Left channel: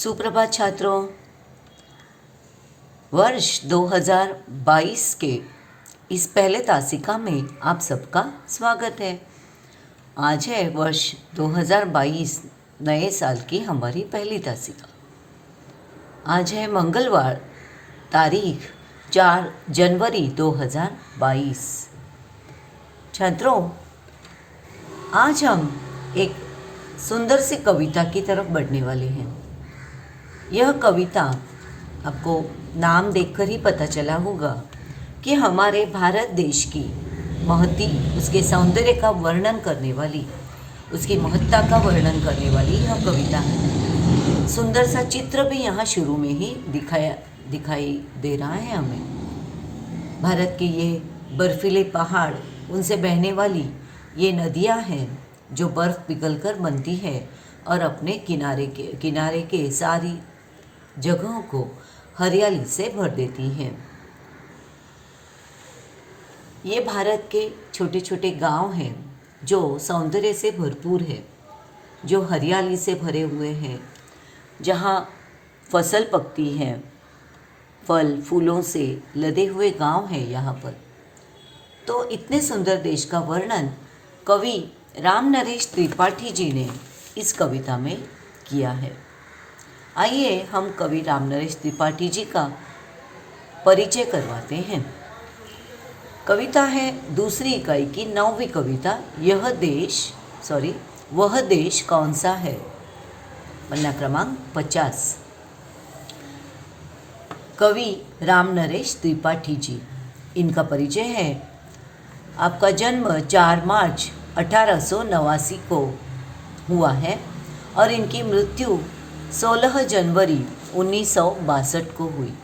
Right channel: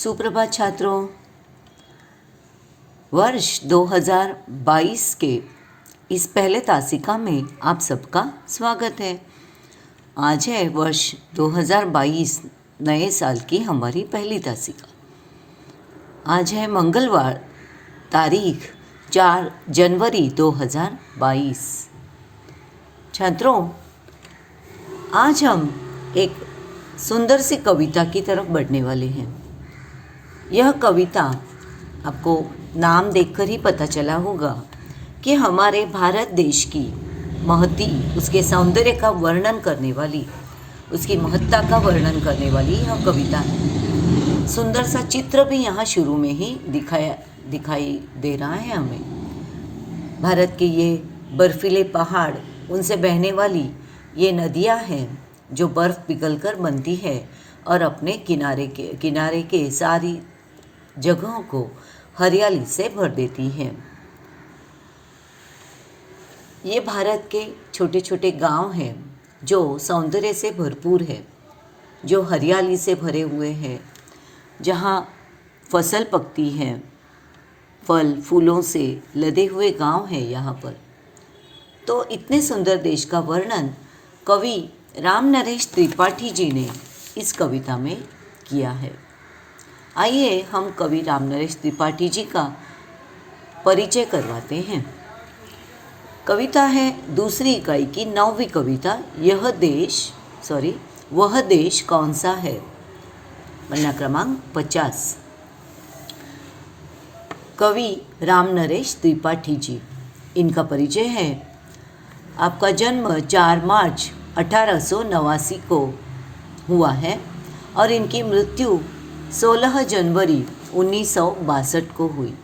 सुप्रभात छात्रों। वर्ष 2022 के इस पहले तासिका में आप सबका स्वागत है। आज है वर्ष 2022 नए साल की हमारी पहली तासिका। आज है मंगलवार, तारीख 4 जनवरी 2022। छात्रों, आज हम एक सुंदर सी कविता की तरफ बढ़ने वाले हैं। यह कविता आपको नाम देखकर ही पता चला होगा कि हमारे भारत देश की महती, उसके सौंदर्य का वर्णन करने वाली, उसकी महत्ता का वर्णन करने वाली यह कविता है। सुंदर सा चित्र भी यहाँ शुरू में ही दिखाई दे रहा है हमें। भारत के ये बर्फीले पहाड़, उनसे बहने वाली ये नदियाँ हैं जो बर्फ़ पिघलकर बनती है और अपने किनारे के सारी जगहों को हरियाली से भर देती हैं। ये भारत के छोटे छोटे गांव हैं जो सौंदर्य से भरपूर है, जो हरियाली से भरे हुए हैं, जहाँ फसल पकती है, फल फूलों से लदे हुए गांव हैं यहाँ पर। तो इतने सुंदर देश का वर्णन कवि रामनरेश त्रिपाठी जी ने इस कविता में किया है। आइए हम कवि रामनरेश त्रिपाठी जी का परिचय करवाते हैं। कविता है दूसरी इकाई की 9वीं कविता, वह देश कौन सा है, पन्ना क्रमांक 50। कवि रामनरेश त्रिपाठी जी, इनका परिचय है। आपका जन्म 4 मार्च 1889 को हुआ है और इनकी मृत्यु 16 जनवरी 1962 को हुई।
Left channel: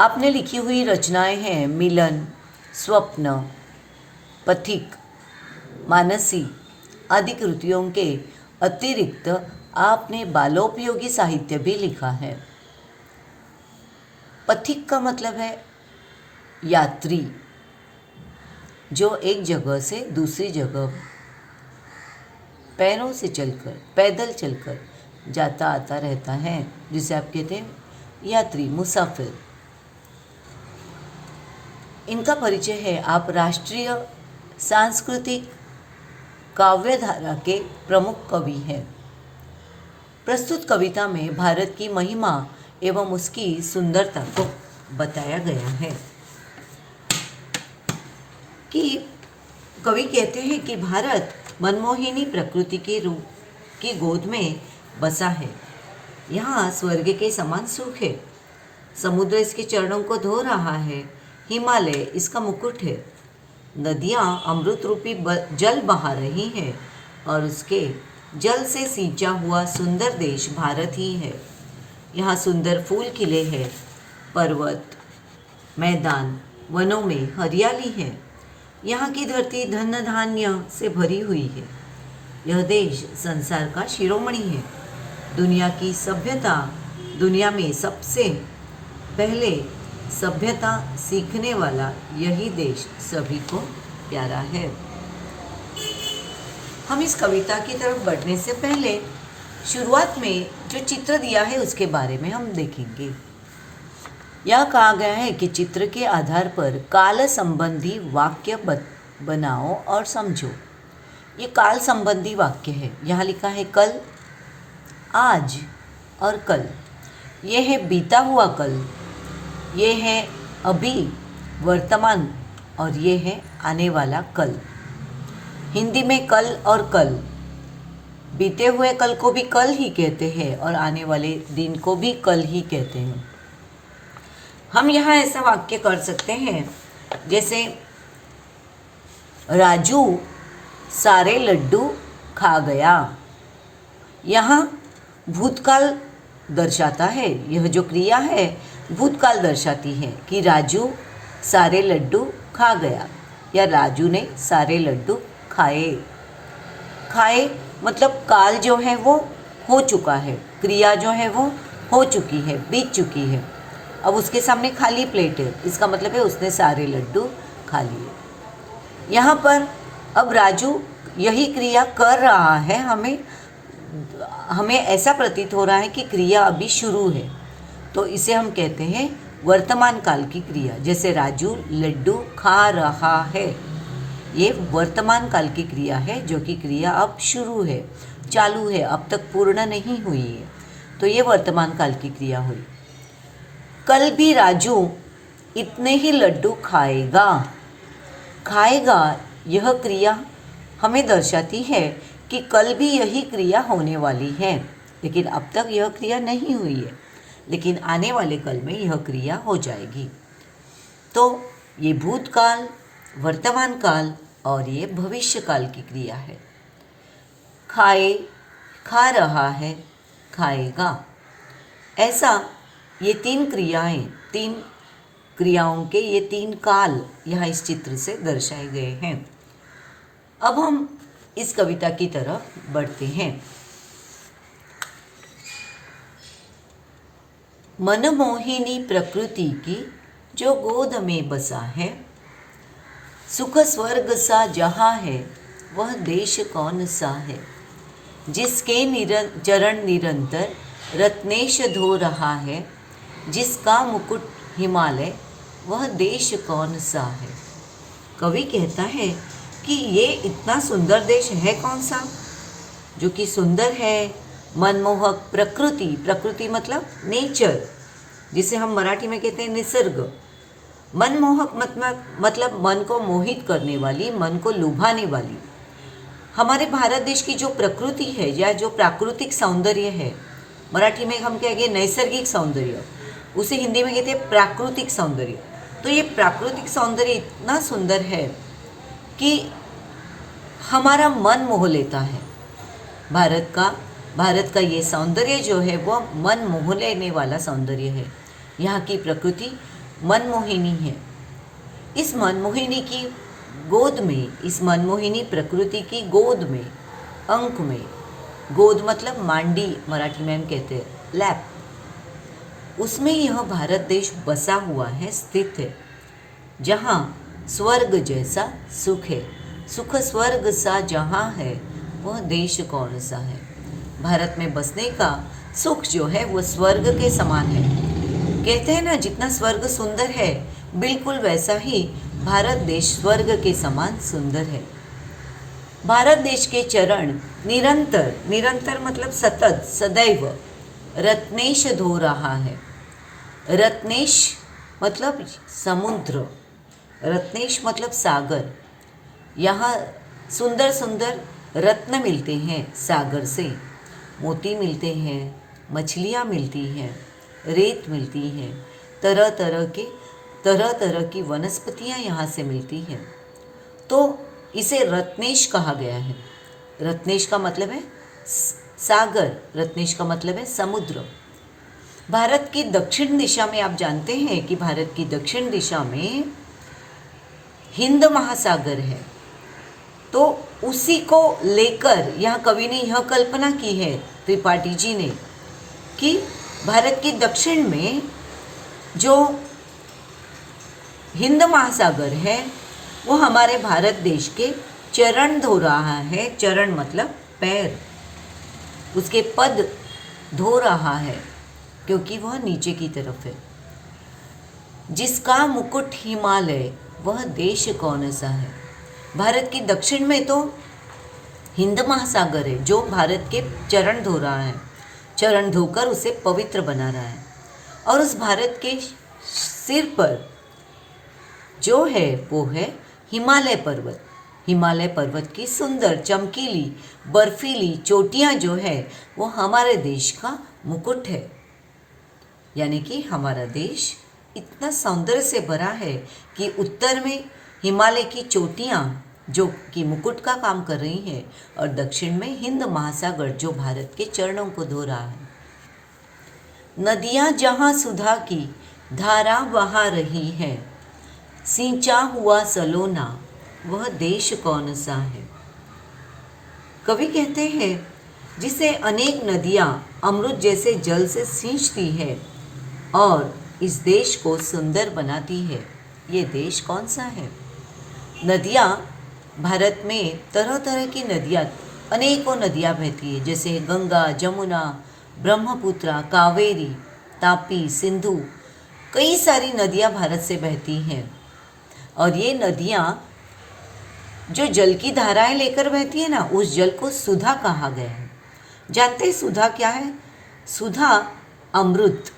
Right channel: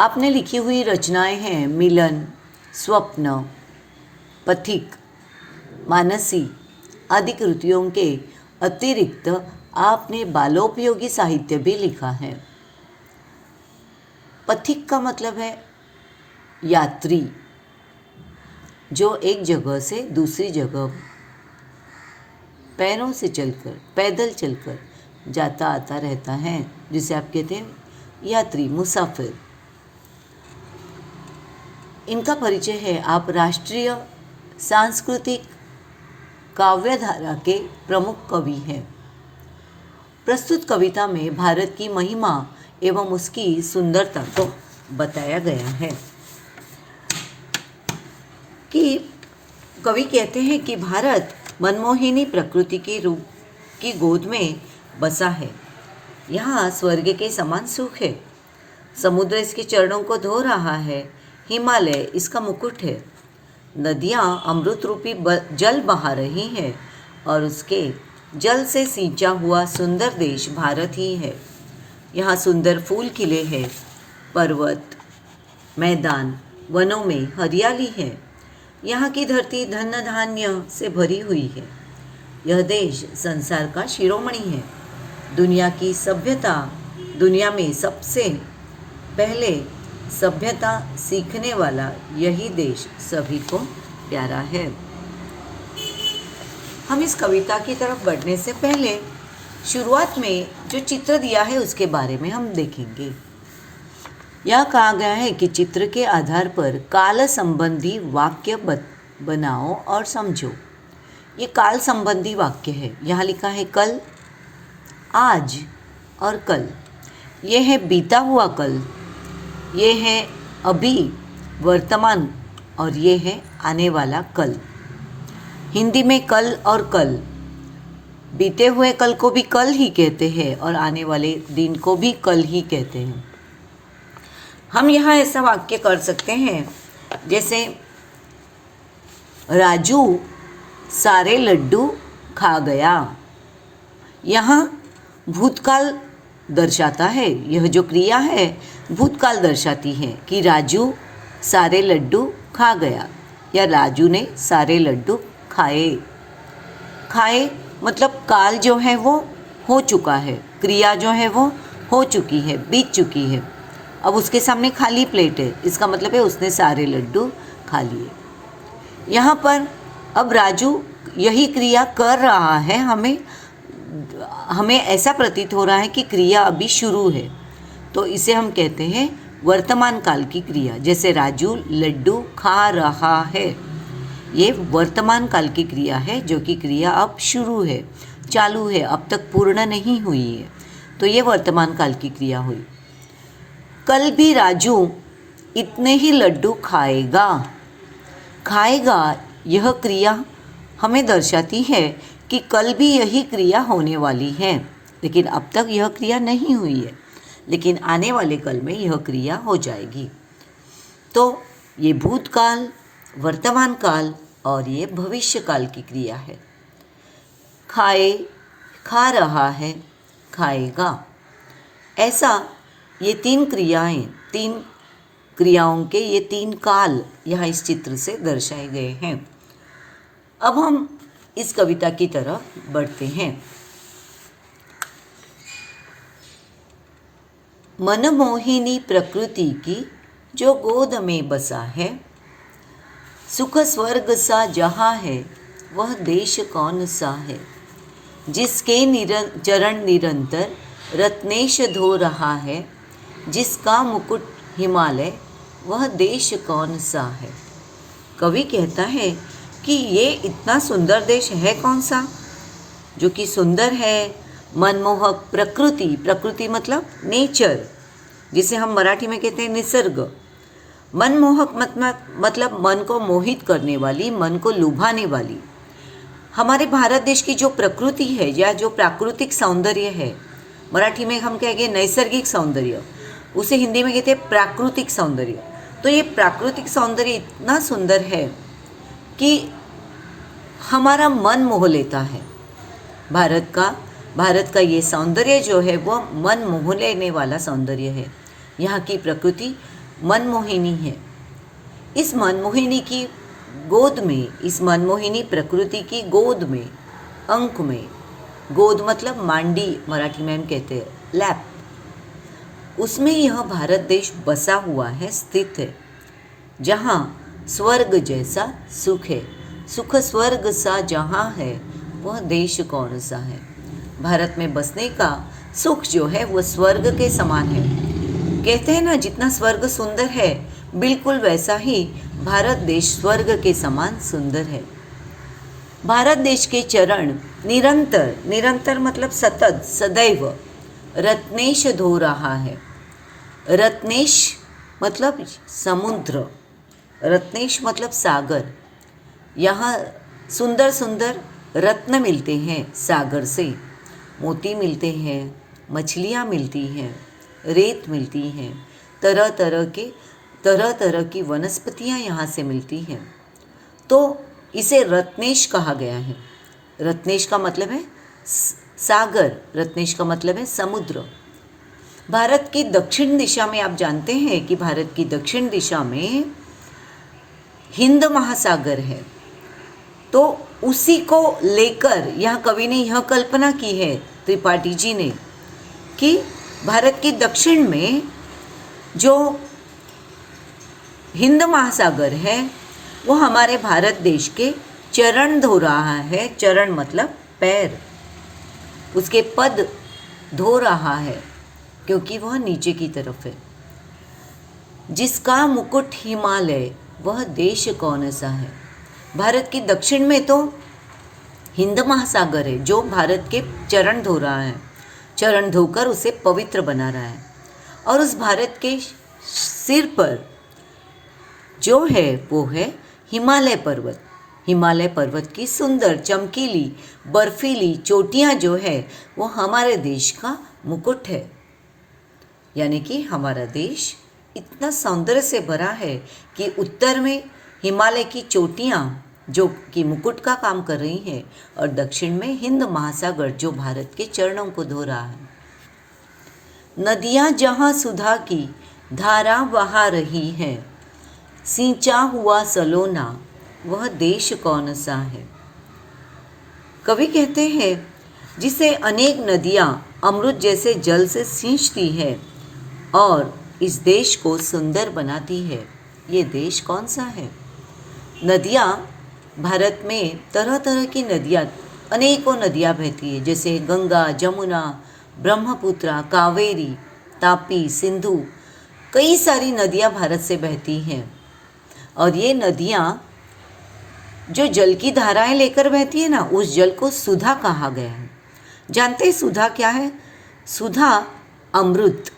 आपने लिखी हुई रचनाएं हैं मिलन, स्वप्न, पथिक, मानसी आदि कृतियों के अतिरिक्त आपने बालोपयोगी साहित्य भी लिखा है। पथिक का मतलब है यात्री, जो एक जगह से दूसरी जगह पैरों से चलकर, पैदल चलकर जाता आता रहता है, जिसे आप कहते हैं यात्री, मुसाफिर। इनका परिचय है। आप राष्ट्रीय सांस्कृतिक काव्यधारा के प्रमुख कवि हैं। प्रस्तुत कविता में भारत की महिमा एवं उसकी सुंदरता को बताया गया है। कि कवि कहते हैं कि भारत मनमोहिनी प्रकृति के रूप की गोद में बसा है। यहाँ स्वर्ग के समान सुख है। समुद्र इसके चरणों को धो रहा है, हिमालय इसका मुकुट है, नदियाँ अमृत रूपी जल बहा रही हैं और उसके जल से सींचा हुआ सुंदर देश भारत ही है। यहाँ सुंदर फूल खिले हैं, पर्वत, मैदान, वनों में हरियाली है। यहाँ की धरती धन धान्य से भरी हुई है। यह देश संसार का शिरोमणि है। दुनिया में सबसे पहले सभ्यता सीखने वाला यही देश सभी को प्यारा है। हम इस कविता की तरफ बढ़ने से पहले शुरुआत में जो चित्र दिया है उसके बारे में हम देखेंगे। यह कहा गया है कि चित्र के आधार पर काल संबंधी वाक्य बनाओ और समझो। ये काल संबंधी वाक्य है। यहाँ लिखा है कल, आज और कल। ये है बीता हुआ कल, ये है अभी, वर्तमान, और ये है आने वाला कल। हिंदी में कल और कल, बीते हुए कल को भी कल ही कहते हैं और आने वाले दिन को भी कल ही कहते हैं। हम यहाँ ऐसा वाक्य कर सकते हैं जैसे राजू सारे लड्डू खा गया। यहाँ भूतकाल दर्शाता है। यह जो क्रिया है भूतकाल दर्शाती है कि राजू सारे लड्डू खा गया या राजू ने सारे लड्डू खाए मतलब काल जो है वो हो चुका है, क्रिया जो है वो हो चुकी है, बीत चुकी है। अब उसके सामने खाली प्लेट है, इसका मतलब है उसने सारे लड्डू खा लिए। यहाँ पर अब राजू यही क्रिया कर रहा है, हमें हमें ऐसा प्रतीत हो रहा है कि क्रिया अभी शुरू है, तो इसे हम कहते हैं वर्तमान काल की क्रिया। जैसे राजू लड्डू खा रहा है, ये वर्तमान काल की क्रिया है, जो कि क्रिया अब शुरू है, चालू है, अब तक पूर्ण नहीं हुई है, तो ये वर्तमान काल की क्रिया हुई। कल भी राजू इतने ही लड्डू खाएगा। खाएगा यह क्रिया हमें दर्शाती है कि कल भी यही क्रिया होने वाली है, लेकिन अब तक यह क्रिया नहीं हुई है, लेकिन आने वाले कल में यह क्रिया हो जाएगी। तो ये भूतकाल, वर्तमान काल और ये भविष्य काल की क्रिया है। खाए, खा रहा है, खाएगा, ऐसा ये तीन क्रियाओं के ये तीन काल यहाँ इस चित्र से दर्शाए गए हैं। अब हम इस कविता की तरफ बढ़ते हैं। मनमोहिनी प्रकृति की जो गोद में बसा है, सुख स्वर्ग सा जहाँ है वह देश कौन सा है। जिसके चरण निरंतर रत्नेश धो रहा है, जिसका मुकुट हिमालय वह देश कौन सा है। कवि कहता है कि ये इतना सुंदर देश है कौन सा, जो कि सुंदर है, मनमोहक, प्रकृति मतलब नेचर, जिसे हम मराठी में कहते हैं निसर्ग। मनमोहक मतलब मन को मोहित करने वाली, मन को लुभाने वाली। हमारे भारत देश की जो प्रकृति है या जो प्राकृतिक सौंदर्य है, मराठी में हम कहेंगे नैसर्गिक सौंदर्य, उसे हिंदी में कहते हैं प्राकृतिक सौंदर्य। तो ये प्राकृतिक सौंदर्य इतना सुंदर है कि हमारा मन मोह लेता है। भारत का ये सौंदर्य जो है वो मन मोह लेने वाला सौंदर्य है। यहाँ की प्रकृति मनमोहिनी है। इस मनमोहिनी की गोद में, इस मनमोहिनी प्रकृति की गोद में, अंक में, गोद मतलब मांडी मराठी में हम कहते हैं, लैप, उसमें यह भारत देश बसा हुआ है, स्थित है, जहाँ स्वर्ग जैसा सुख है। सुख स्वर्ग सा जहाँ है वह देश कौन सा है। भारत में बसने का सुख जो है वह स्वर्ग के समान है। कहते हैं ना, जितना स्वर्ग सुंदर है बिल्कुल वैसा ही भारत देश स्वर्ग के समान सुंदर है। भारत देश के चरण निरंतर मतलब सतत, सदैव रत्नेश धो रहा है। रत्नेश मतलब समुद्र, रत्नेश मतलब सागर। यहाँ सुंदर सुंदर रत्न मिलते हैं सागर से, मोती मिलते हैं, मछलियाँ मिलती हैं, रेत मिलती हैं, तरह तरह की वनस्पतियाँ यहाँ से मिलती हैं। तो इसे रत्नेश कहा गया है। रत्नेश का मतलब है सागर, रत्नेश का मतलब है समुद्र। भारत की दक्षिण दिशा में, आप जानते हैं कि भारत की दक्षिण दिशा में हिंद महासागर है। तो उसी को लेकर यहाँ कवि ने यह कल्पना की है, त्रिपाठी जी ने, कि भारत की दक्षिण में जो हिंद महासागर है वो हमारे भारत देश के चरण धो रहा है। चरण मतलब पैर, उसके पद धो रहा है क्योंकि वह नीचे की तरफ है। जिसका मुकुट हिमालय वह देश कौन सा है। भारत की दक्षिण में तो हिंद महासागर है जो भारत के चरण धो रहा है, चरण धोकर उसे पवित्र बना रहा है। और उस भारत के सिर पर जो है वो है हिमालय पर्वत। हिमालय पर्वत की सुंदर चमकीली बर्फीली चोटियाँ जो है वो हमारे देश का मुकुट है। यानी कि हमारा देश इतना सौंदर्य से भरा है कि उत्तर में हिमालय की चोटियाँ जो कि मुकुट का काम कर रही हैं और दक्षिण में हिंद महासागर जो भारत के चरणों को धो रहा है। नदियाँ जहाँ सुधा की धारा बहा रही है, सींचा हुआ सलोना वह देश कौन सा है। कवि कहते हैं जिसे अनेक नदियाँ अमृत जैसे जल से सींचती है और इस देश को सुंदर बनाती है, ये देश कौन सा है। नदियाँ, भारत में तरह तरह की नदियाँ अनेकों नदियाँ बहती है, जैसे गंगा, जमुना, ब्रह्मपुत्रा, कावेरी, तापी, सिंधु। कई सारी नदियाँ भारत से बहती हैं और ये नदियाँ जो जल की धाराएं लेकर बहती है ना, उस जल को सुधा कहा गया है। जानते हैं सुधा क्या है? सुधा अमृत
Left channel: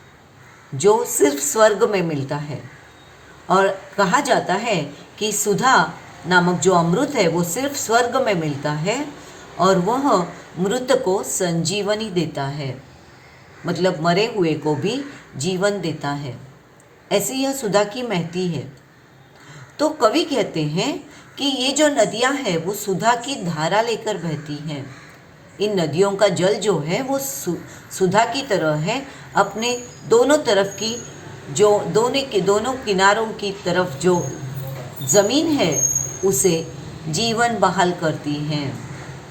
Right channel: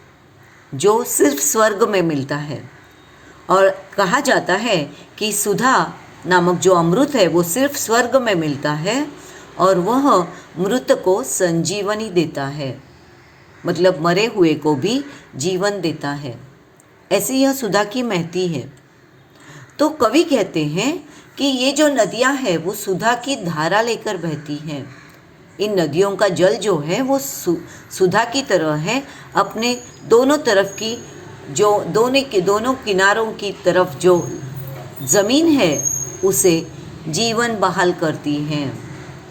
जो सिर्फ स्वर्ग में मिलता है, और कहा जाता है कि सुधा नामक जो अमृत है वो सिर्फ स्वर्ग में मिलता है और वह मृत को संजीवनी देता है, मतलब मरे हुए को भी जीवन देता है। ऐसी यह सुधा की महती है। तो कवि कहते हैं कि ये जो नदियाँ हैं वो सुधा की धारा लेकर बहती हैं। इन नदियों का जल जो है वो सुधा की तरह है, अपने दोनों तरफ की जो दोनों किनारों की तरफ जो ज़मीन है उसे जीवन बहाल करती हैं,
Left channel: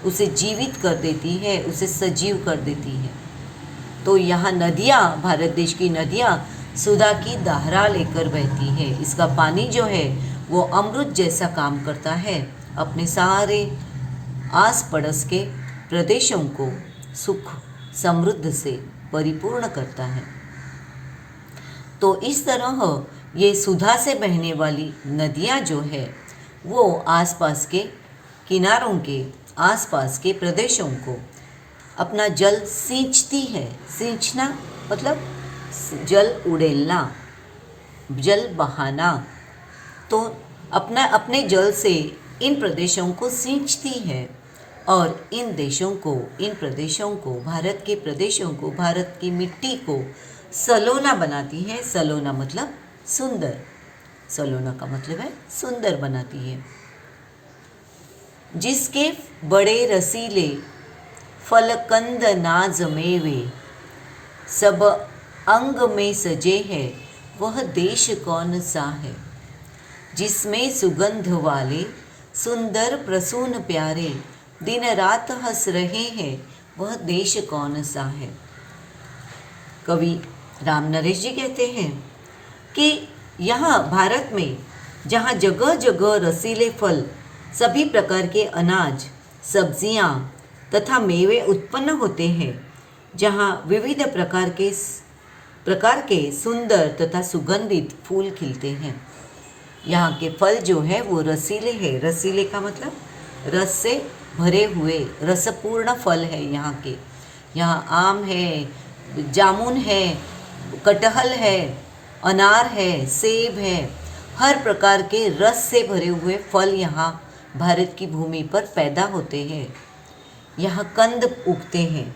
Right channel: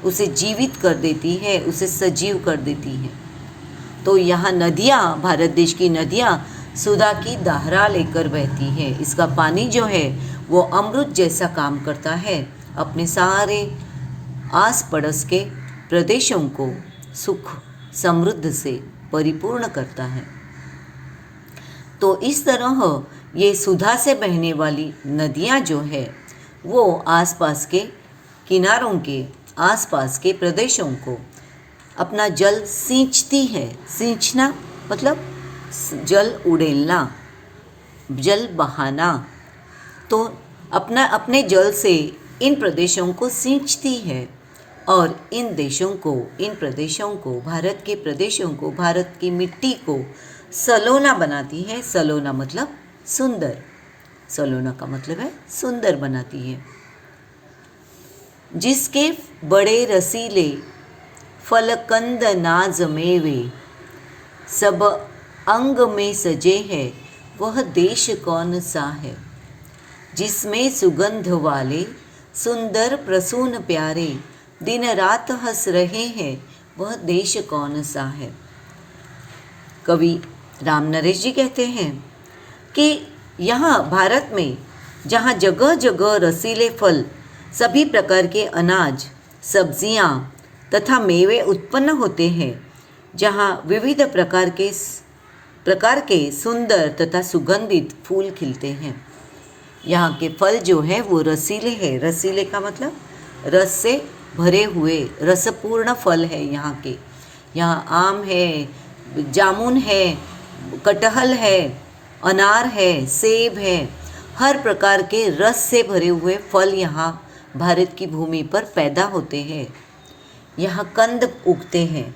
उसे जीवित कर देती है, उसे सजीव कर देती है। तो यहाँ नदियाँ, भारत देश की नदियाँ सुधा की धारा लेकर बहती है। इसका पानी जो है वो अमृत जैसा काम करता है, अपने सारे आस पड़ोस के प्रदेशों को सुख समृद्ध से परिपूर्ण करता है। तो इस तरह ये सुधा से बहने वाली नदियाँ जो है वो आसपास के किनारों के आसपास के प्रदेशों को अपना जल सींचती है। सींचना मतलब जल उड़ेलना, जल बहाना। तो अपने जल से इन प्रदेशों को सींचती है और इन प्रदेशों को, भारत के प्रदेशों को, भारत की मिट्टी को सलोना बनाती है। सलोना मतलब सुंदर, सलोना का मतलब है सुंदर बनाती है। जिसके बड़े रसीले फलकंद नाज मेवे, सब अंग में सजे है, वह देश कौन सा है। जिसमें सुगंध वाले सुंदर प्रसून प्यारे, दिन रात हंस रहे हैं, वह देश कौन सा है। कवि राम नरेश जी कहते हैं कि यहाँ भारत में जहाँ जगह जगह रसीले फल, सभी प्रकार के अनाज, सब्जियाँ तथा मेवे उत्पन्न होते हैं, जहाँ विविध प्रकार के सुंदर तथा सुगंधित फूल खिलते हैं। यहाँ के फल जो है वो रसीले हैं। रसीले का मतलब रस से भरे हुए, रसपूर्ण फल है यहाँ के। यहाँ आम है, जामुन है, कटहल है, अनार है, सेब है, हर प्रकार के रस से भरे हुए फल यहाँ भारत की भूमि पर पैदा होते हैं। यहाँ कंद उगते हैं।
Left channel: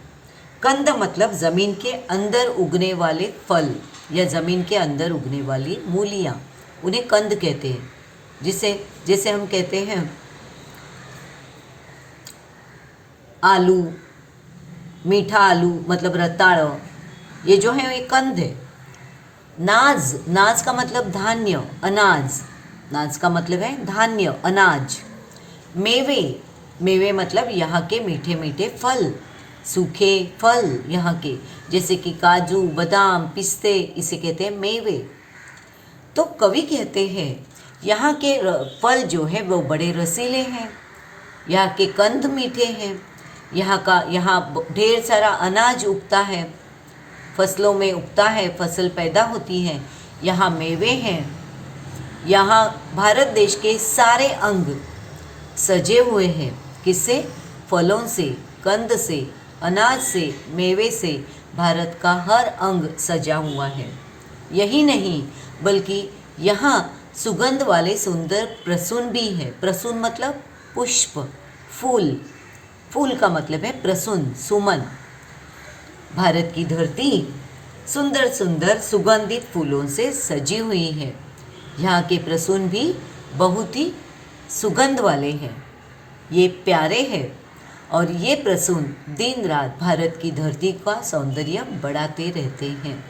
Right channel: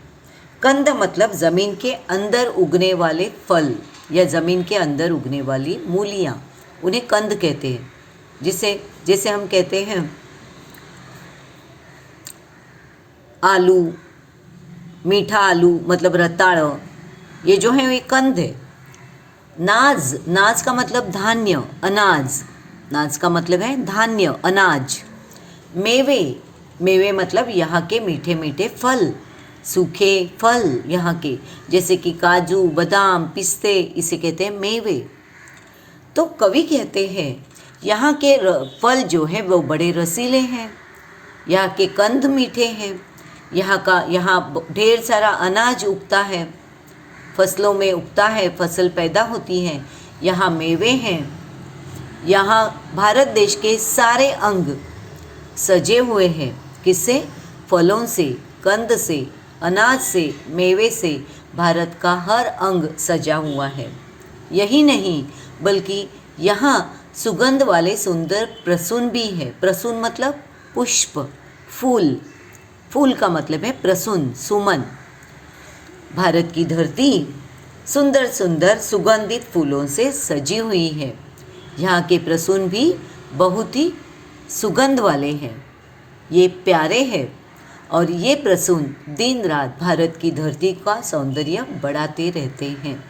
कंद मतलब ज़मीन के अंदर उगने वाले फल या ज़मीन के अंदर उगने वाली मूलियाँ, उन्हें कंद कहते हैं। जैसे हम कहते हैं आलू, मीठा आलू मतलब रताड़, ये जो है ये कंद है। नाज का मतलब धान्य, अनाज। नाज का मतलब है धान्य, अनाज। मेवे मतलब यहाँ के मीठे मीठे फल, सूखे फल यहाँ के, जैसे कि काजू, बादाम, पिस्ते, इसे कहते हैं मेवे। तो कवि कहते हैं यहाँ के फल जो है वो बड़े रसीले हैं, यहाँ के कंद मीठे हैं, यहाँ ढेर सारा अनाज उगता है, फसलों में उगता है, फसल पैदा होती है, यहाँ मेवे हैं। यहाँ भारत देश के सारे अंग सजे हुए हैं। किससे? फलों से, कंद से, अनाज से, मेवे से भारत का हर अंग सजा हुआ है। यही नहीं बल्कि यहाँ सुगंध वाले सुंदर प्रसून भी है। प्रसून मतलब पुष्प, फूल। फूल का मतलब है प्रसून, सुमन। भारत की धरती सुंदर सुंदर सुगंधित फूलों से सजी हुई है। यहाँ के प्रसून भी बहुत ही सुगंध वाले हैं, ये प्यारे हैं और ये प्रसून दिन रात भारत की धरती का सौंदर्य बढ़ाते रहते हैं।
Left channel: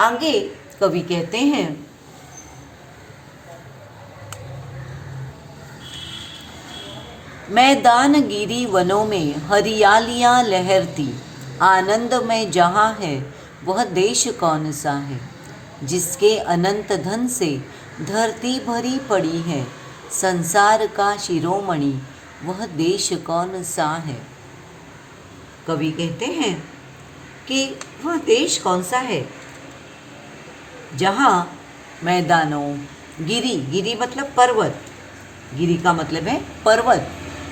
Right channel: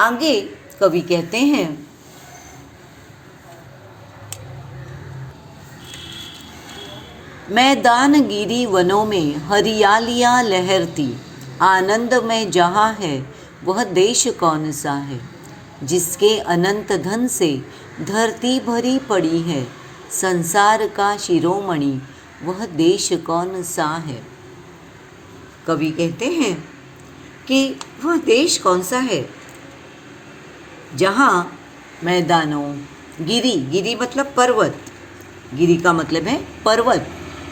आगे कवि कहते हैं, मैदानगिरी वनों में हरियालियाँ लहरती, आनंद में जहाँ है वह देश कौन सा है। जिसके अनंत धन से धरती भरी पड़ी है, संसार का शिरोमणि वह देश कौन सा है? कवि कहते हैं कि वह देश कौन सा है जहाँ मैदानों, गिरी मतलब पर्वत, गिरी का मतलब है पर्वत,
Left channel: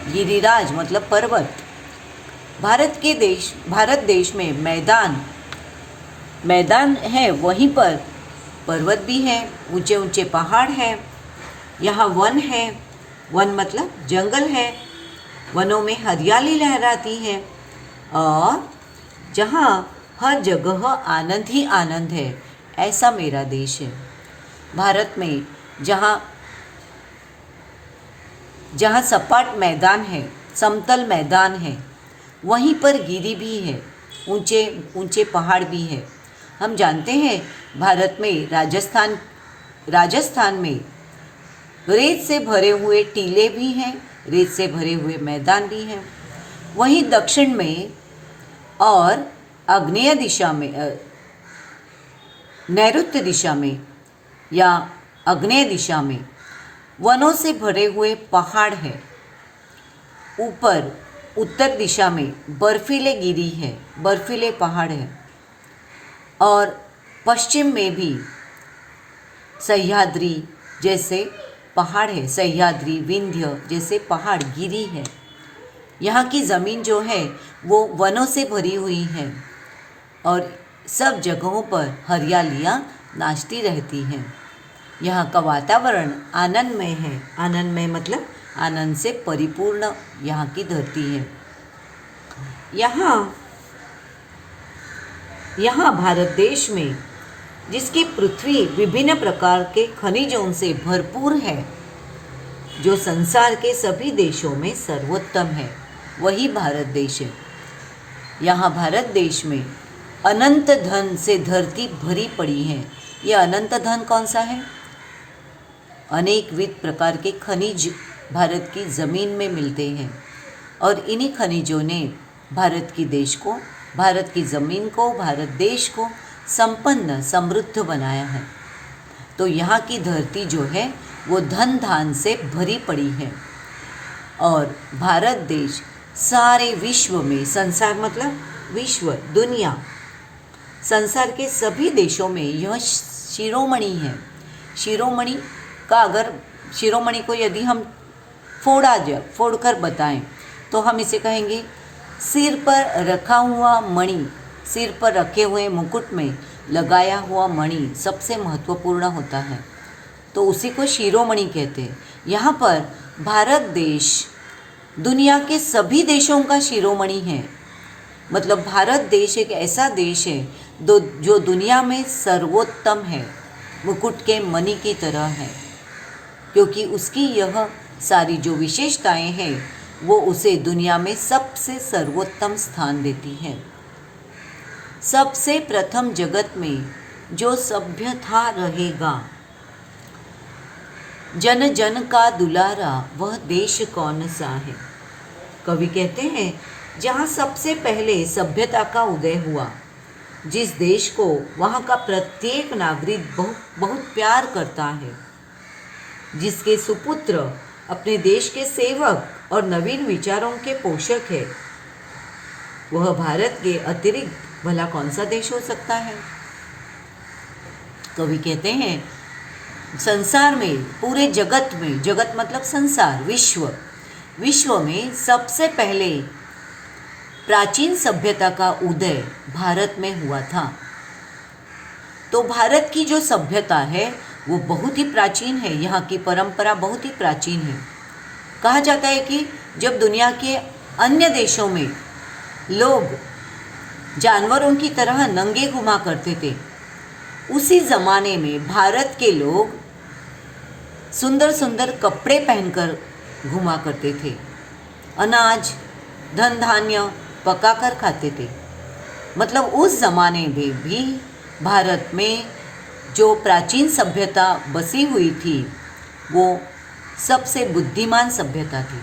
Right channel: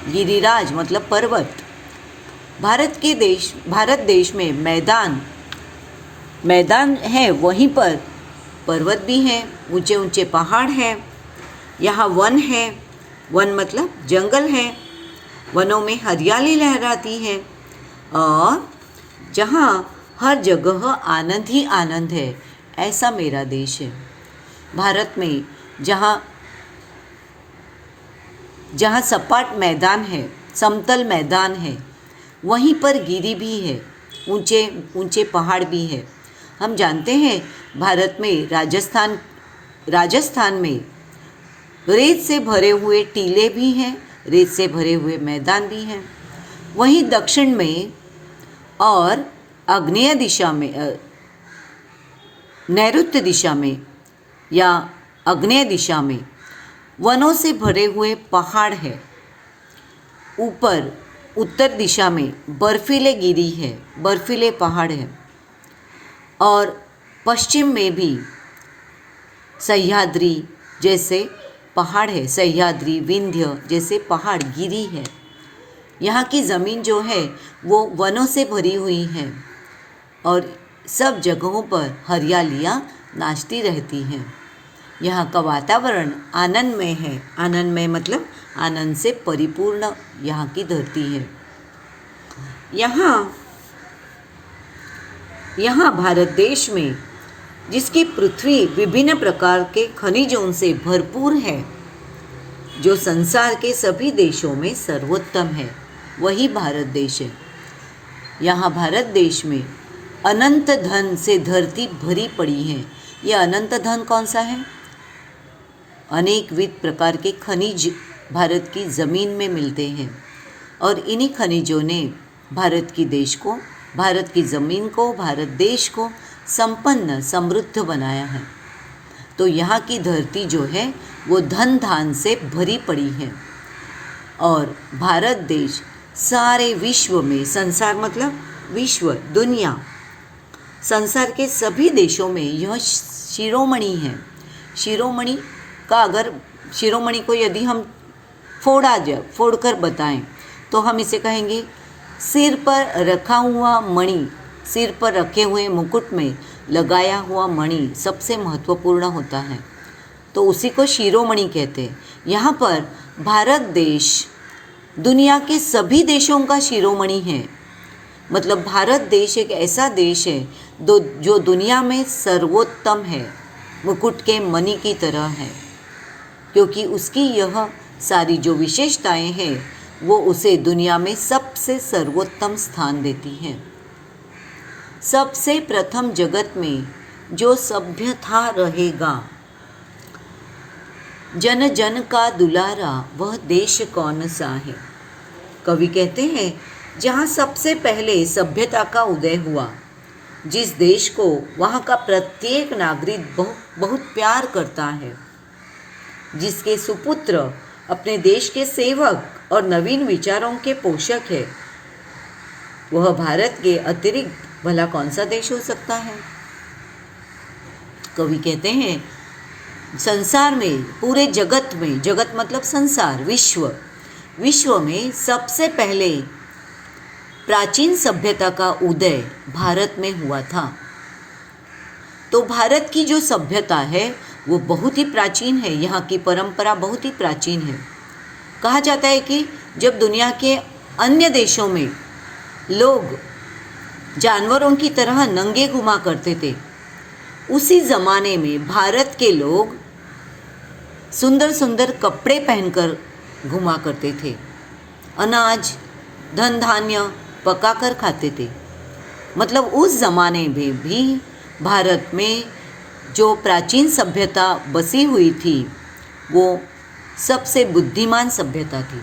गिरिराज मतलब पर्वत। भारत देश में मैदान है, वहीं पर पर्वत भी हैं, ऊंचे ऊंचे पहाड़ हैं। यहाँ वन है, वन मतलब जंगल है, वनों में हरियाली लहराती है और जहाँ हर जगह आनंद ही आनंद है, ऐसा मेरा देश है। भारत में जहाँ सपाट मैदान है, समतल मैदान है, वहीं पर गिरी भी है, ऊंचे ऊंचे पहाड़ भी है। हम जानते हैं भारत में राजस्थान में रेत से भरे हुए टीले भी हैं, रेत से भरे हुए मैदान भी हैं। वहीं दक्षिण में और आग्नेय दिशा में, नैऋत्य दिशा में या आग्नेय दिशा में वनों से भरे हुए पहाड़ है। ऊपर उत्तर दिशा में बर्फीले गिरी है, बर्फीले पहाड़ है और पश्चिम में भी सह्याद्री जैसे पहाड़ है, सह्याद्री, विंध्य जैसे पहाड़, गिरी है। यहाँ की ज़मीन जो है वो वनों से भरी हुई है और सब जगहों पर हरियालियाँ नाचती रहती हैं। यहाँ का वातावरण आनंदमय है, आनंदमय मतलब आनंद से परिपूर्ण यहाँ की धरती है। यहाँ भारत देश में जिसकी पृथ्वी विभिन्न प्रकार के खनिजों से भरपूर है, जो संसार के सभी देशों में सर्वोत्तम है, वही भारत देश है। यहाँ भारत देश में अनंत धन से धरती भरी पड़ी है। यह अनंत धन कौन सा है? अनेकविध प्रकार के खनिज भारत की ज़मीन में मिलते हैं और इन्हीं खनिजों ने भारत की ज़मीन को, भारत देश को संपन्न समृद्ध बनाया है। तो यहाँ की धरती जो है वो धन धान से भरी पड़ी है और भारत देश सारे विश्व में, संसार मतलब विश्व, दुनिया, संसार के सभी देशों में यह शिरोमणि है। शिरोमणि को यदि हम फोड़कर बताएं तो हम इसे कहेंगे सिर पर रखा हुआ मणि, सिर पर रखे हुए मुकुट में लगाया हुआ मणि सबसे महत्वपूर्ण होता है, तो उसी को शिरोमणि कहते हैं। यहाँ पर भारत देश दुनिया के सभी देशों का शिरोमणि है। मतलब भारत देश एक ऐसा देश है जो दुनिया में सर्वोत्तम है, मुकुट के मणि की तरह है, क्योंकि उसकी यह सारी जो विशेषताएं हैं वो उसे दुनिया में सबसे सर्वोत्तम स्थान देती हैं। सबसे प्रथम जगत में जो सभ्य था रहेगा, जन जन का दुलारा, वह देश कौन सा है? कवि कहते हैं जहाँ सबसे पहले सभ्यता का उदय हुआ, जिस देश को वहाँ का प्रत्येक नागरिक बहुत प्यार करता है, जिसके सुपुत्र अपने देश के सेवक और नवीन विचारों के पोषक है, वह भारत के अतिरिक्त भला कौन सा देश हो सकता है? कवि कहते हैं संसार में, पूरे जगत में, जगत मतलब संसार, विश्व में सबसे पहले प्राचीन सभ्यता का उदय भारत में हुआ था। तो भारत की जो सभ्यता है वो बहुत ही प्राचीन है, यहाँ की परंपरा बहुत ही प्राचीन है। कहा जाता है कि जब दुनिया के अन्य देशों में लोग जानवरों की तरह नंगे घुमा करते थे, उसी ज़माने में भारत के लोग सुंदर सुंदर कपड़े पहनकर घुमा करते थे, अनाज धन धान्य पकाकर खाते थे। मतलब उस ज़माने में भी भारत में जो प्राचीन सभ्यता बसी हुई थी वो सबसे बुद्धिमान सभ्यता थी,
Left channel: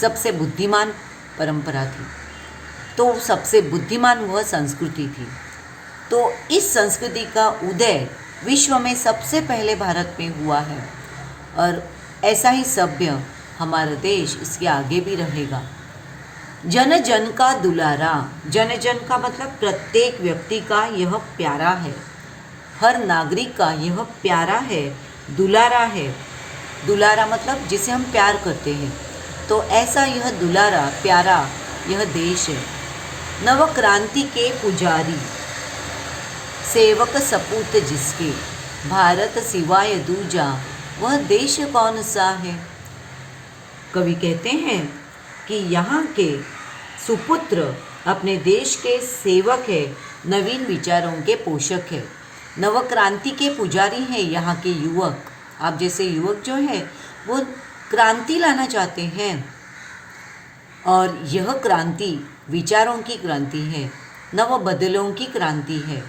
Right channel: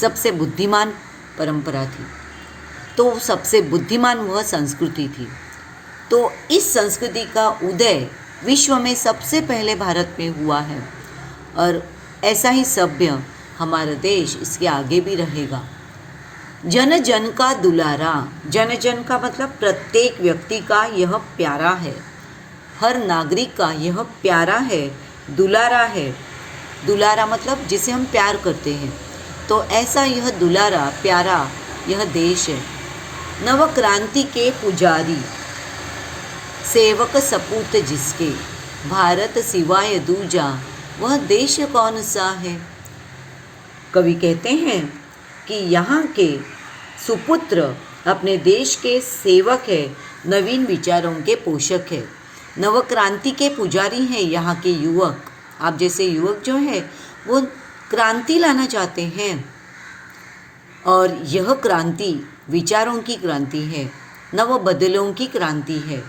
सबसे बुद्धिमान परंपरा थी, तो सबसे बुद्धिमान वह संस्कृति थी। तो इस संस्कृति का उदय विश्व में सबसे पहले भारत में हुआ है और ऐसा ही सभ्य हमारा देश इसके आगे भी रहेगा। जन जन का दुलारा, जन जन का मतलब प्रत्येक व्यक्ति का यह प्यारा है, हर नागरिक का यह प्यारा है, दुलारा है। दुलारा मतलब जिसे हम प्यार करते हैं, तो ऐसा यह दुलारा प्यारा यह देश है। नवक्रांति के पुजारी, सेवक सपूत जिसके, भारत सिवाय दूजा वह देश कौन सा है। कवि कहते हैं कि यहाँ के सुपुत्र अपने देश के सेवक है, नवीन विचारों के पोषक है। नवक्रांति के पुजारी हैं यहाँ के युवक। आप जैसे युवक जो है वो क्रांति लाना चाहते हैं, और यह क्रांति विचारों की क्रांति है, नव बदलों की क्रांति है।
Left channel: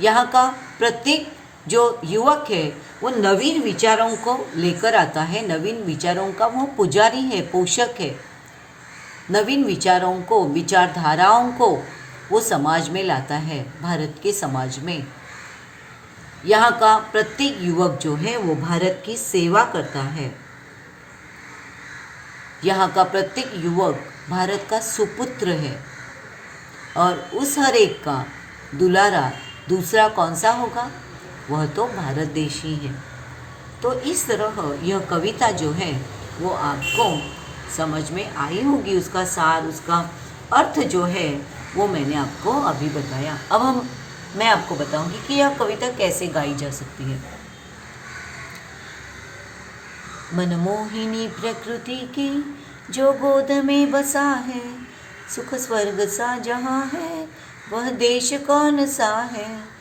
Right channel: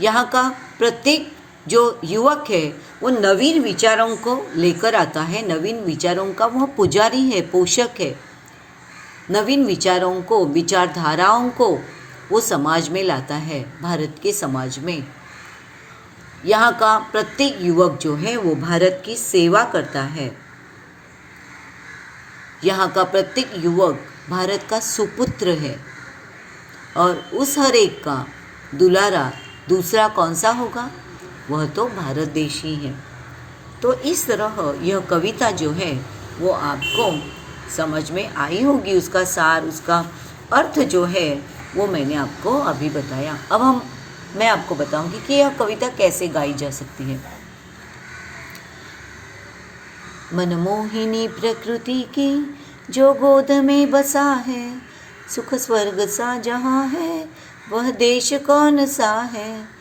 यहाँ का प्रत्येक जो युवक है वो नवीन विचारों को लेकर आता है, नवीन विचारों का वह पुजारी है, पोषक है। नवीन विचारों को, विचारधाराओं को वो समाज में लाता है, भारत के समाज में। यहाँ का प्रत्येक युवक जो है वो भारत की सेवा करता है। यहाँ का प्रत्येक युवक भारत का सुपुत्र है, और उस हर एक का दुलारा दूसरा कौन सा होगा, वह तो भारत देश ही है। तो इस तरह यह कविता जो है वो आपको समझ में आई होगी, उसका सार, उसका अर्थ जो है वो मैंने आपको अभी बताया। अब मैं आपको बताऊंगी कि यह कविता कैसे गाई जा सकती है। मनमोहिनी प्रकृति की जो गोद में बसा है, सुख स्वर्ग सा जहाँ है वह देश कौन सा है।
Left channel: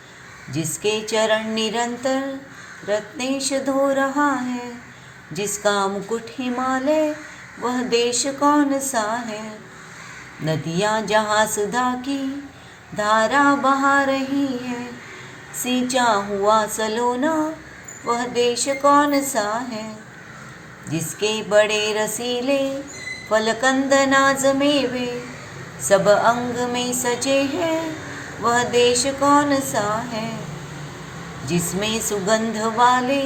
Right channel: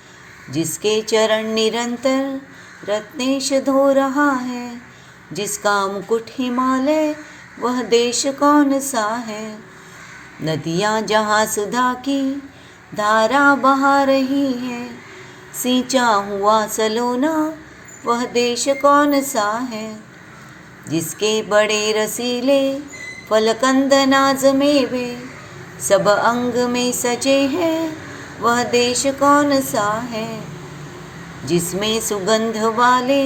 जिसके चरण निरंतर रत्नेश धो रहा है, जिसका मुकुट हिमालय वह देश कौन सा है। नदियाँ जहाँ सुधा की धारा बहा रही है, सींचा हुआ सलोना वह देश कौन सा है। जिसके बड़े रसीले फलकंद नाज मेवे सब अंग में सजे हैं वह देश कौन सा है। जिसमें सुगंध वाले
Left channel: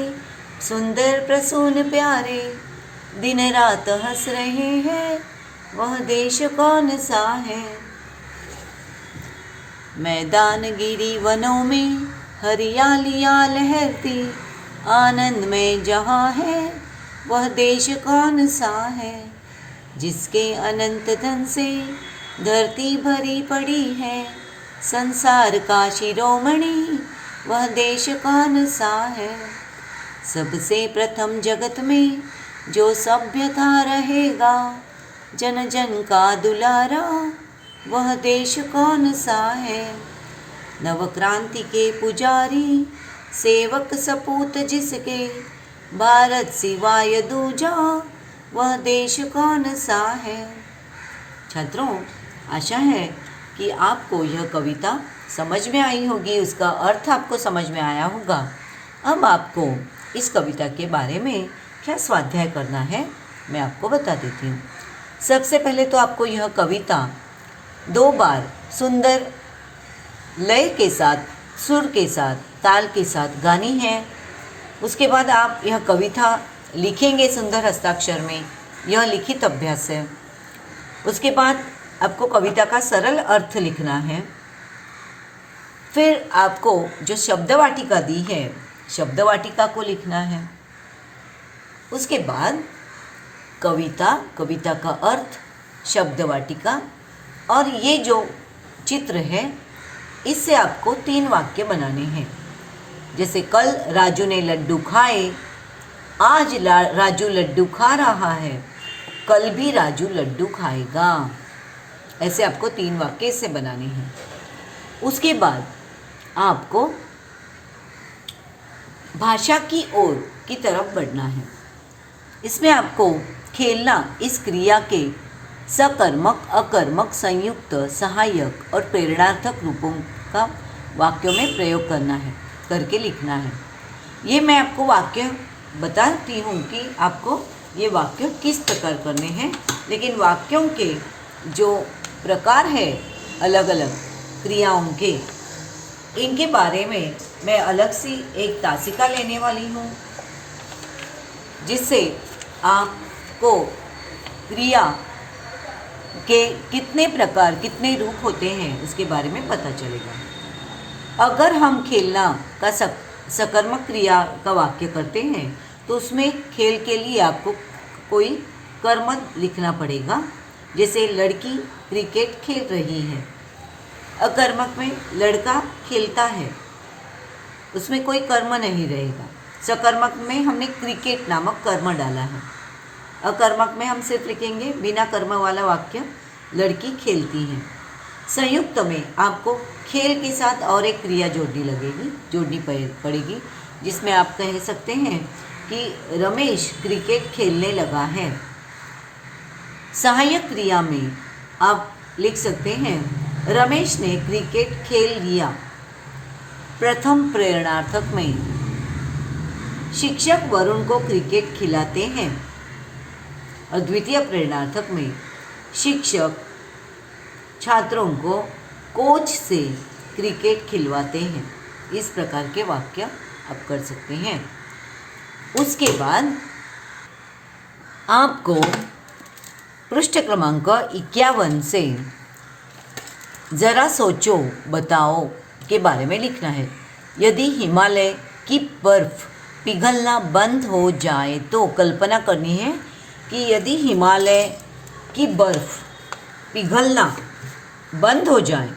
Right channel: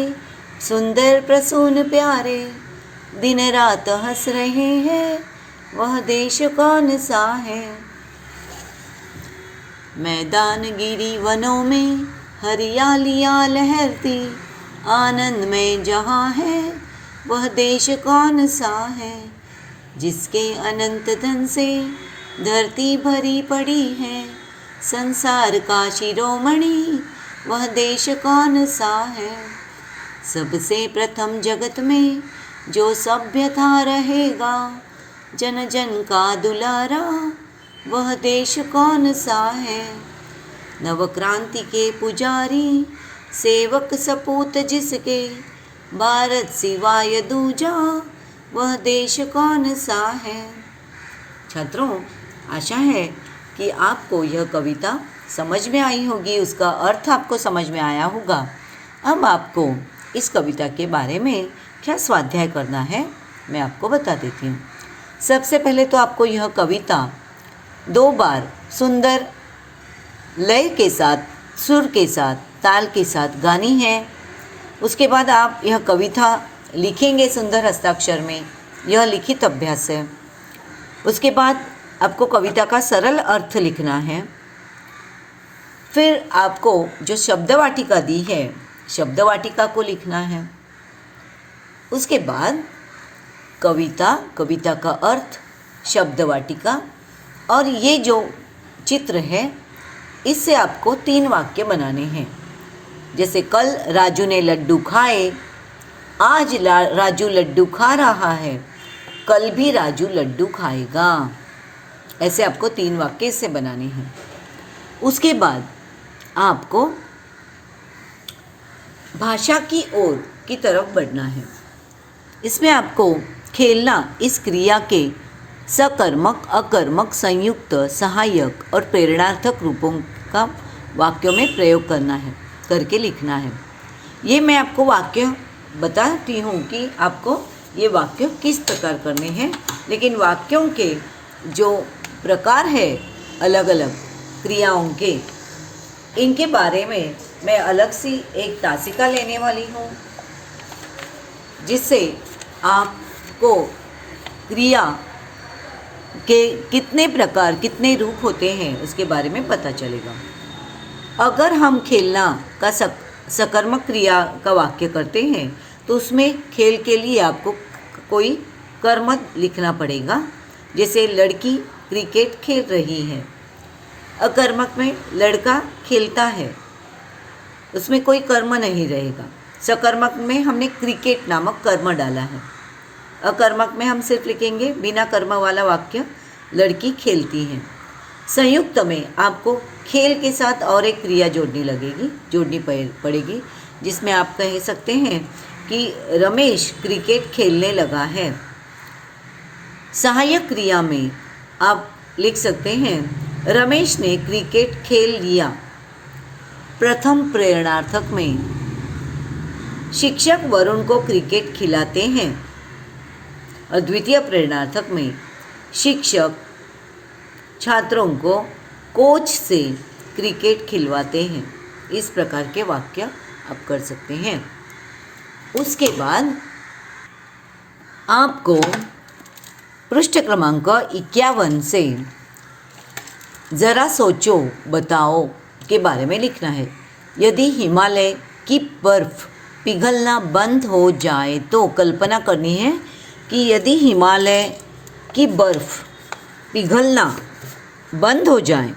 सुंदर प्रसून प्यारे दिन रात हंस रहे हैं वह देश कौन सा है। मैदान गिरी वनों में हरियालियाँ लहरती आनंद में जहाँ है वह देश कौन सा है। जिसके अनंत धन से धरती भरी पड़ी है, संसार का शिरोमणि वह देश कौन सा है। सबसे प्रथम जगत में जो सभ्यता रहेगा, जन जन का दुलारा वह देश कौन सा है। नवक्रांति के पुजारी, सेवक सपूत जिसके, भारत सिवाय दूजा वह देश कौन सा है। छात्रों, आशा है कि आपको यह कविता समझ में आई होगी, उसका अर्थ आपको समझ में आया होगा। अब आपको इस कविता के बारे में क्या स्वाध्याय करना है मैं आपको बता देती हूँ। सबसे पहले तो आपको यह कविता 2 बार सुंदर लय के साथ, सुर के साथ, ताल के साथ गानी है। उसके बाद आप यह कविता लिखेंगे सुंदर हस्ताक्षर में, यह लिखित अभ्यास है। उसके बाद आपको कविता का सरल अर्थ लिखना है। फिर आपको जो शब्दवाटिका दी है, शब्दवाटिका को लिखना है। उसके बाद कविता का अर्थ, शब्दवाटिका, और ये जो चित्र है इससे आपको 3 वाक्य बनाने हैं। जैसे कल राजू ने लड्डू खाए, आज राजू लड्डू खा रहा है, कल भी राजू लड्डू खाएगा। ऐसे आपको 3 वाक्य इससे बनाने हैं। उसके बाद आपको भाषा की ओर की तरफ बढ़ना है। इसमें आपको खेलना इस क्रिया के सकर्मक, अकर्मक, संयुक्त, सहायक और प्रेरणार्थक रूपों का वाक्यों में प्रयोग करना है, करके लिखना है। ये मैं आपको वाक्य बताती हूँ कि आपको ये वाक्य किस प्रकार करने हैं, लेकिन वाक्यों के जो प्रकार है अलग अलग क्रियाओं के, इनके बारे में मैं अलग सी एक तासिका लेने वाली हूँ, जिससे आपको को क्रिया के कितने प्रकार, कितने रूप होते हैं उसके बारे में पता चलेगा। अगर हम खेलना का सकर्मक क्रिया का वाक्य करते हैं तो उसमें खेल के लिए आपको कोई कर्म लिखना पड़ेगा। जैसे लड़की क्रिकेट खेल रही है, अकर्मक में लड़का खेलता है, उसमें कोई कर्म नहीं रहेगा। सकर्मक में हमने क्रिकेट नामक कर्म डाला है। अकर्मक में हम सिर्फ लिखेंगे बिना कर्म वाला वाक्य, लड़की खेलती है। संयुक्त में आपको खेल के साथ और एक क्रिया जोड़नी पड़ेगी, जिसमें आप कह सकते हैं कि रमेश क्रिकेट खेलने लगा है। सहायक क्रिया में आप लिख सकते हैं रमेश ने क्रिकेट खेल लिया। प्रथम प्रेरणार्थक में शिक्षक वरुण को क्रिकेट खिलाते हैं और द्वितीय प्रेरणार्थक में शिक्षक छात्रों को कोच से क्रिकेट खिलवाते हैं। इस प्रकार के वाक्य आप कर सकते हैं। उसके बाद आपको पृष्ठ क्रमांक 51 से ज़रा सोचो बताओ के बारे में लिखना है। यदि हिमालय की बर्फ़ पिघलना बंद हो जाए तो कल्पना करनी है कि यदि हिमालय की बर्फ़ पिघलना बंद हो जाए,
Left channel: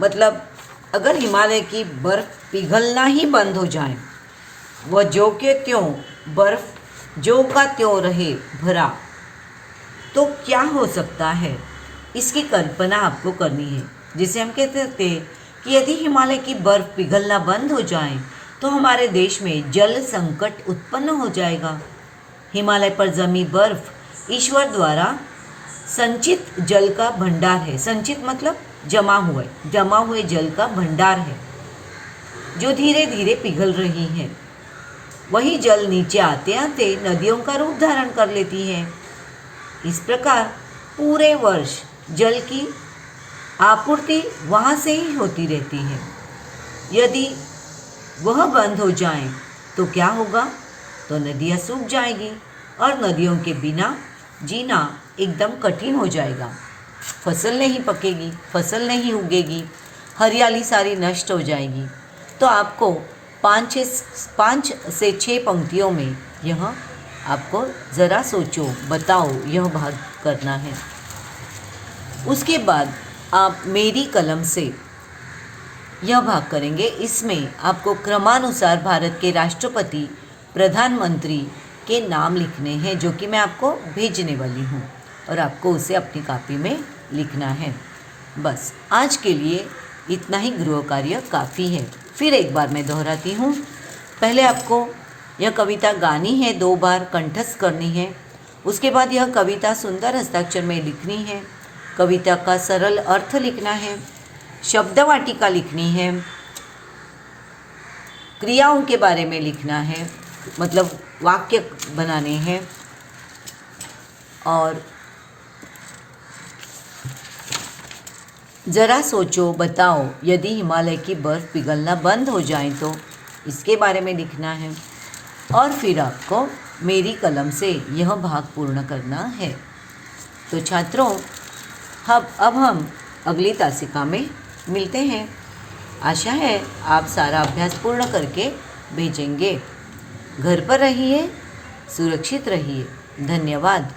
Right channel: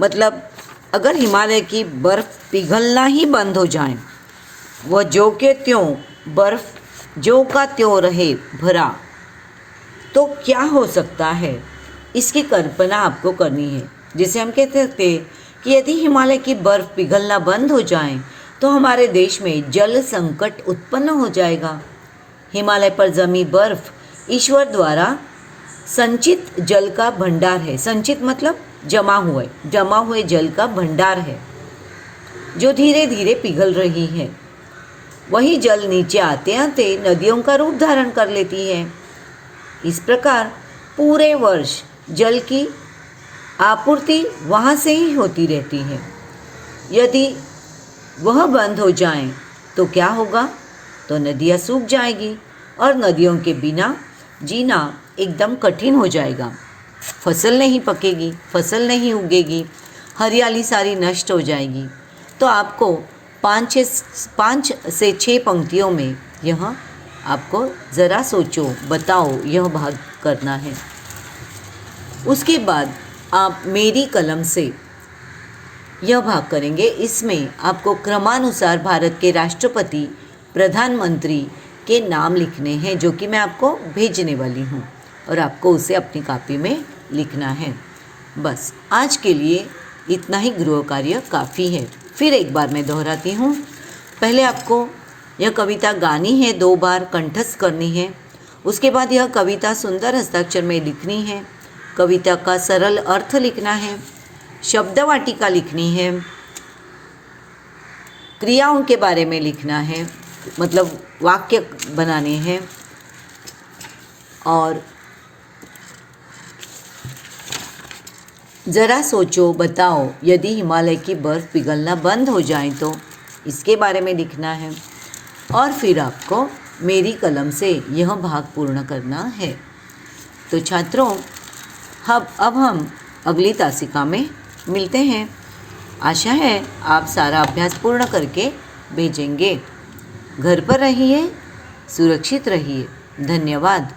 मतलब अगर हिमालय की बर्फ़ पिघलना ही बंद हो जाए, वह ज्यों के त्यों बर्फ़ ज्यों का त्यों रहे भरा, तो क्या हो सकता है, इसकी कल्पना आपको करनी है। जिसे हम कहते थे कि यदि हिमालय की बर्फ़ पिघलना बंद हो जाए तो हमारे देश में जल संकट उत्पन्न हो जाएगा। हिमालय पर जमी बर्फ़ ईश्वर द्वारा संचित जल का भंडार है। संचित मतलब जमा हुए जल का भंडार है, जो धीरे धीरे पिघल रही है। वही जल नीचे आते आते नदियों का रूप धारण कर लेती है। इस प्रकार पूरे वर्ष जल की आपूर्ति वहाँ से ही होती रहती है। यदि वह बंद हो जाए तो क्या होगा, तो नदियाँ सूख जाएगी और नदियों के बिना जीना एकदम कठिन हो जाएगा। फसल नहीं पकेगी, फसल नहीं उगेगी, हरियाली सारी नष्ट हो जाएगी। तो आपको 5 से 6 पंक्तियों में यह आपको ज़रा सोचो बताओ यह भाग करना है। उसके बाद आप मेरी कलम से यह भाग करेंगे। इसमें आपको क्रमानुसार भारत के राष्ट्रपति, प्रधानमंत्री के नाम लिखने हैं, जो कि मैं आपको भेजने वाली हूँ और आपको उसे अपनी कॉपी में लिखना है। बस आज के लिए इतना ही गृह कार्य काफ़ी है। फिर एक बार मैं दोहराती हूँ। पहले आपको यह कविता गानी है, 2 बार कंठस्थ करनी है। उसके बाद यह कविता सुंदर हस्ताक्षर में लिखनी है। कविता का सरल अर्थ लिखना है, शब्द वाटिका लिखनी है, क्रियाओं के बारे में लिखना है, मतलब वाक्य बनाने हैं, और ज़रा सोचो बताओ यदि हिमालय की बर्फ़ पिघलना बंद हो जाए तो इसके बारे में लिखना है। और फिर आपको मेरी कलम से यह भाग पूर्ण करना है। तो छात्रों, अब हम अगली तासिका में मिलते हैं। आशा है आप सारा अभ्यास पूर्ण करके भेजेंगे। घर पर रहिए, सुरक्षित रहिए। धन्यवाद।